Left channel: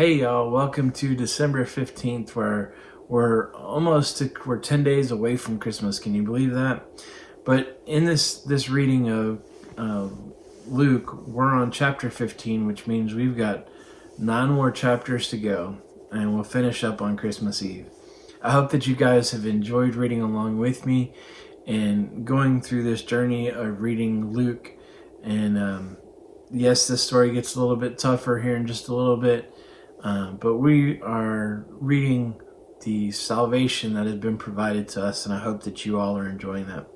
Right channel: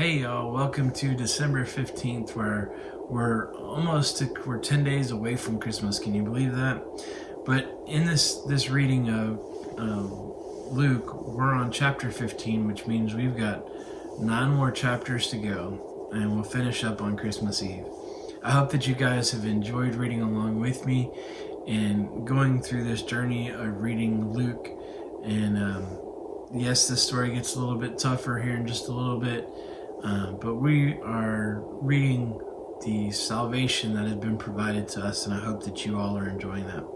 Hey y'all, welcome to December 15th, where we're 10 days away from Christmas. Can you believe that? But in this reading of Luke, we're on chapter 15, which means we've got 9 more chapters to go, and we'll finish up on Christmas Eve. I hope that you guys have enjoyed reading along with me and going through this journey of reading Luke. And yes, this story gets a little bit tougher here in just a little bit. But we are reading the salvation that has been provided to us, and I hope that you all are enjoying that.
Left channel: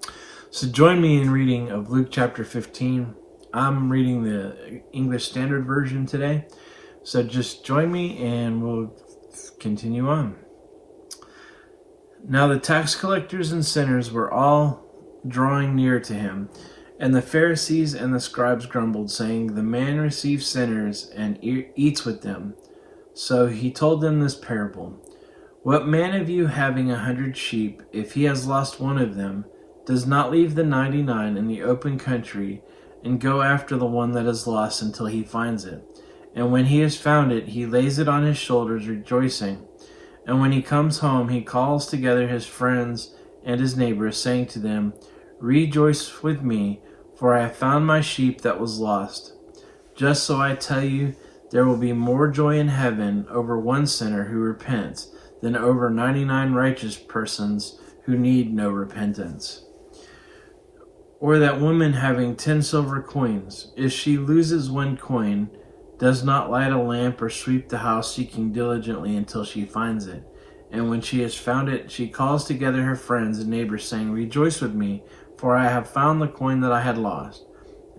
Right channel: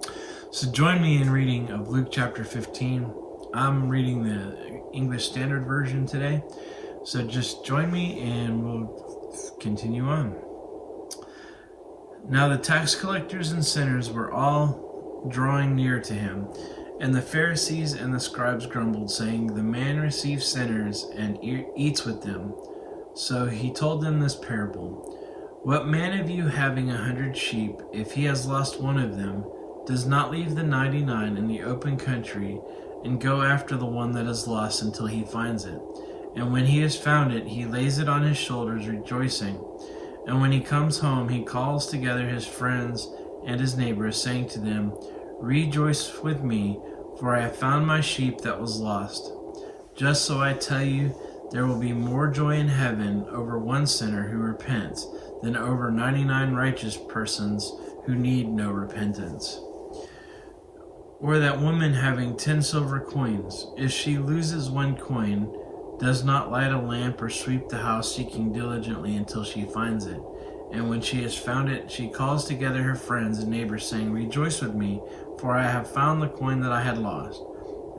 So join me in reading of Luke chapter 15. I'm reading the English Standard Version today, so just join me and we'll continue on. Now the tax collectors and sinners were all drawing near to him, and the Pharisees and the scribes grumbled, saying, "The man receives sinners and eats with them." So he told them this parable. "What man of you, having 100 sheep, if he has lost one of them, does not leave the 99 in the open country and go after the one that is lost until he finds it? And when he has found it, he lays it on his shoulders, rejoicing. And when he comes home, he calls together his friends and his neighbors, saying to them, 'Rejoice with me, for I have found my sheep that was lost.' Just so I tell you, there will be more joy in heaven over one sinner who repents than over 99 righteous persons who need no repentance. Or that woman having 10 silver coins, if she loses one coin, does not light a lamp or sweep the house, seeking diligently until she finds it. And when she has found it, she calls together her friends and neighbors, saying, 'Rejoice with me, for I have found the coin that I had lost.'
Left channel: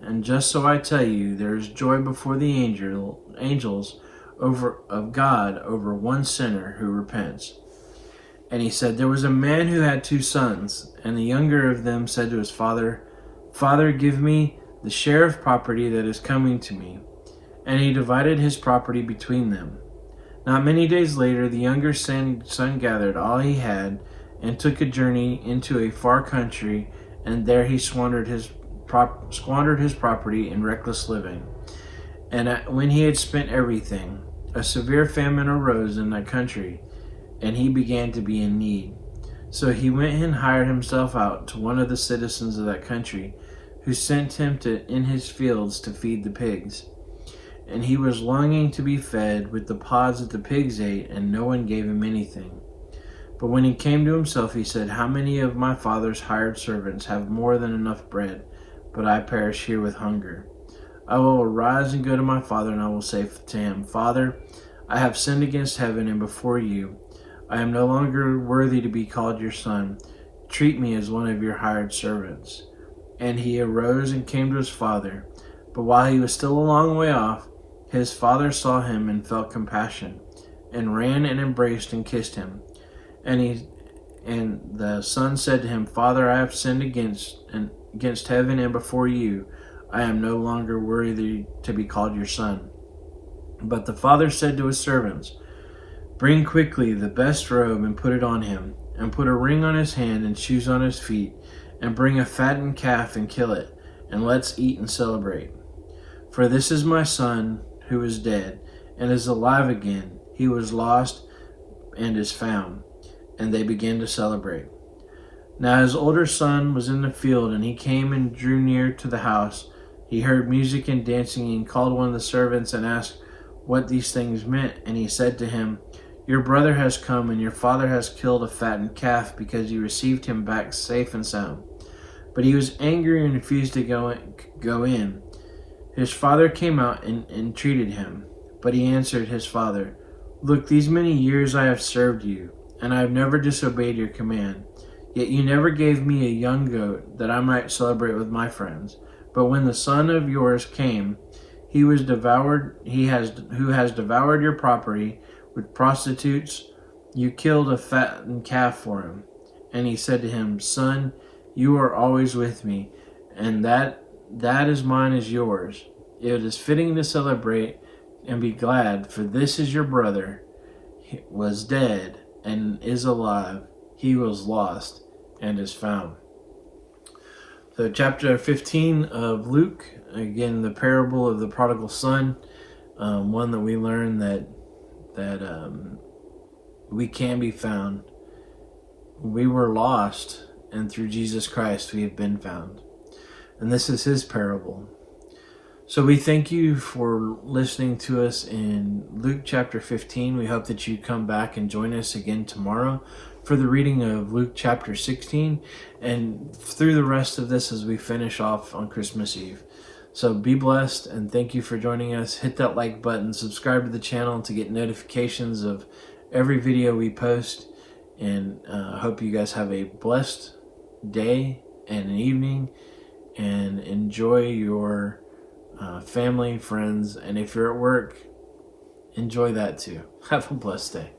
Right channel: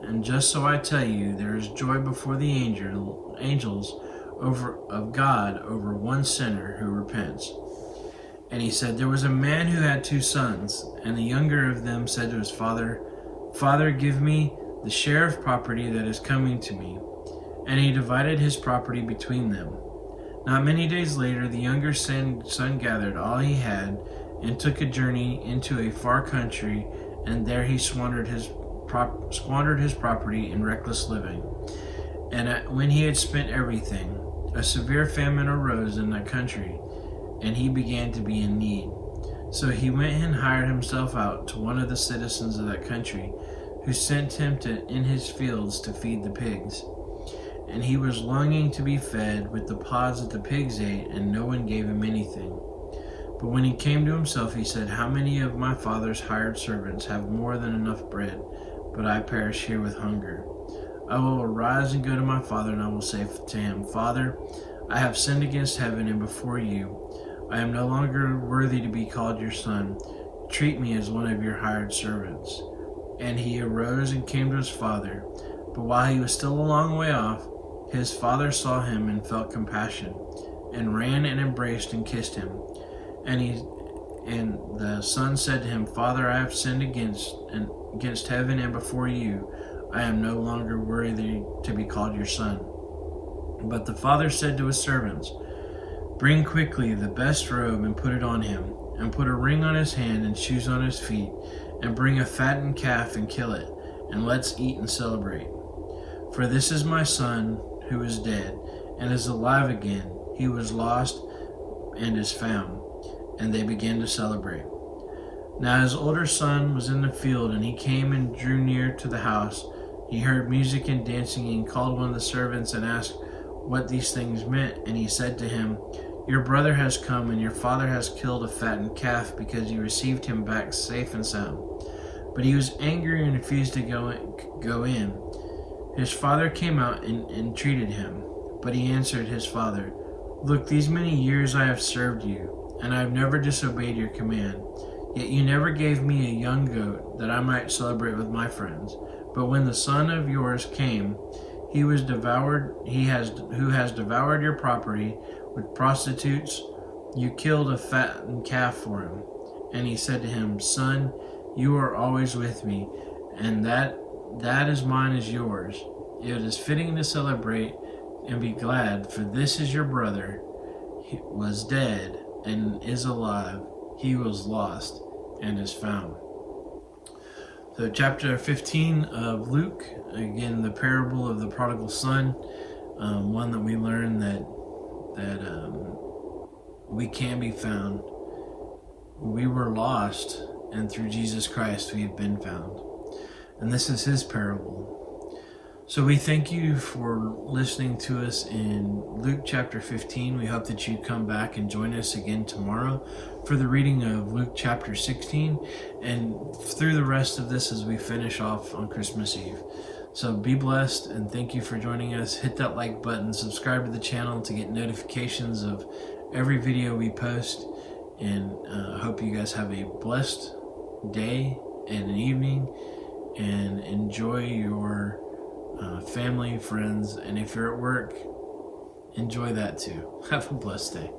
And just so I tell you, there is joy before the angels of God over one sinner who repents." And he said, "There was a man who had 2 sons, and the younger of them said to his father, 'Father, give me the share of property that is coming to me.' And he divided his property between them. Not many days later, the younger son gathered all he had and took a journey into a far country, and there he squandered his property in reckless living. And when he had spent everything, a severe famine arose in that country, and he began to be in need. So he went and hired himself out to one of the citizens of that country, who sent him in his fields to feed the pigs. And he was longing to be fed with the pods that the pigs ate, and no one gave him anything. But when he came to himself, he said, 'How many of my father's hired servants have more than enough bread, but I perish here with hunger? I will arise and go to my father, and I will say to him, Father, I have sinned against heaven and before you. I am no longer worthy to be called your son. Treat me as one of your hired servants.' And he arose and came to his father. But while he was still a long way off, his father saw him and felt compassion, and ran and embraced and kissed him. And the son said to him, 'Father, I have sinned against heaven and before you. I am no longer worthy to be called your son.' But the father said to his servants, 'Bring quickly the best robe and put it on him, and put a ring on his hand and shoes on his feet, and bring a fattened calf and kill it, and let's eat and celebrate. For this is my son who is dead and is alive again. He was lost and is found.' And they began to celebrate. Now his older son was in the field, and he came and drew near to the house. He heard music and dancing, and called one of the servants and asked what these things meant. And he said to him, 'Your brother has come, and your father has killed a fattened calf, because you received him back safe and sound.' But he was angry and refused to go in. His father came out and entreated him. But he answered his father, 'Look, these many years I have served you, and I have never disobeyed your command. Yet you never gave me a young goat that I might celebrate with my friends. But when the son of yours came, who has devoured your property with prostitutes, you killed a fattened calf for him.' And he said to him, 'Son, you are always with me, and that is mine is yours. It is fitting to celebrate and be glad, for this is your brother. He was dead and is alive. He was lost and is found.'" So chapter 15 of Luke, again, the parable of the prodigal son, one that we learn that that we can be found. We were lost, and through Jesus Christ we have been found. And this is his parable. So we thank you for listening to us in Luke chapter 15. We hope that you come back and join us again tomorrow for the reading of Luke chapter 16, and through the rest of this as we finish off on Christmas Eve. So be blessed, and thank you for joining us. Hit that like button, subscribe to the channel to get notifications of every video we post, and I hope you guys have a blessed day and an evening, and enjoy your family, friends, and if you're at work, enjoy that too. Have a blessed day.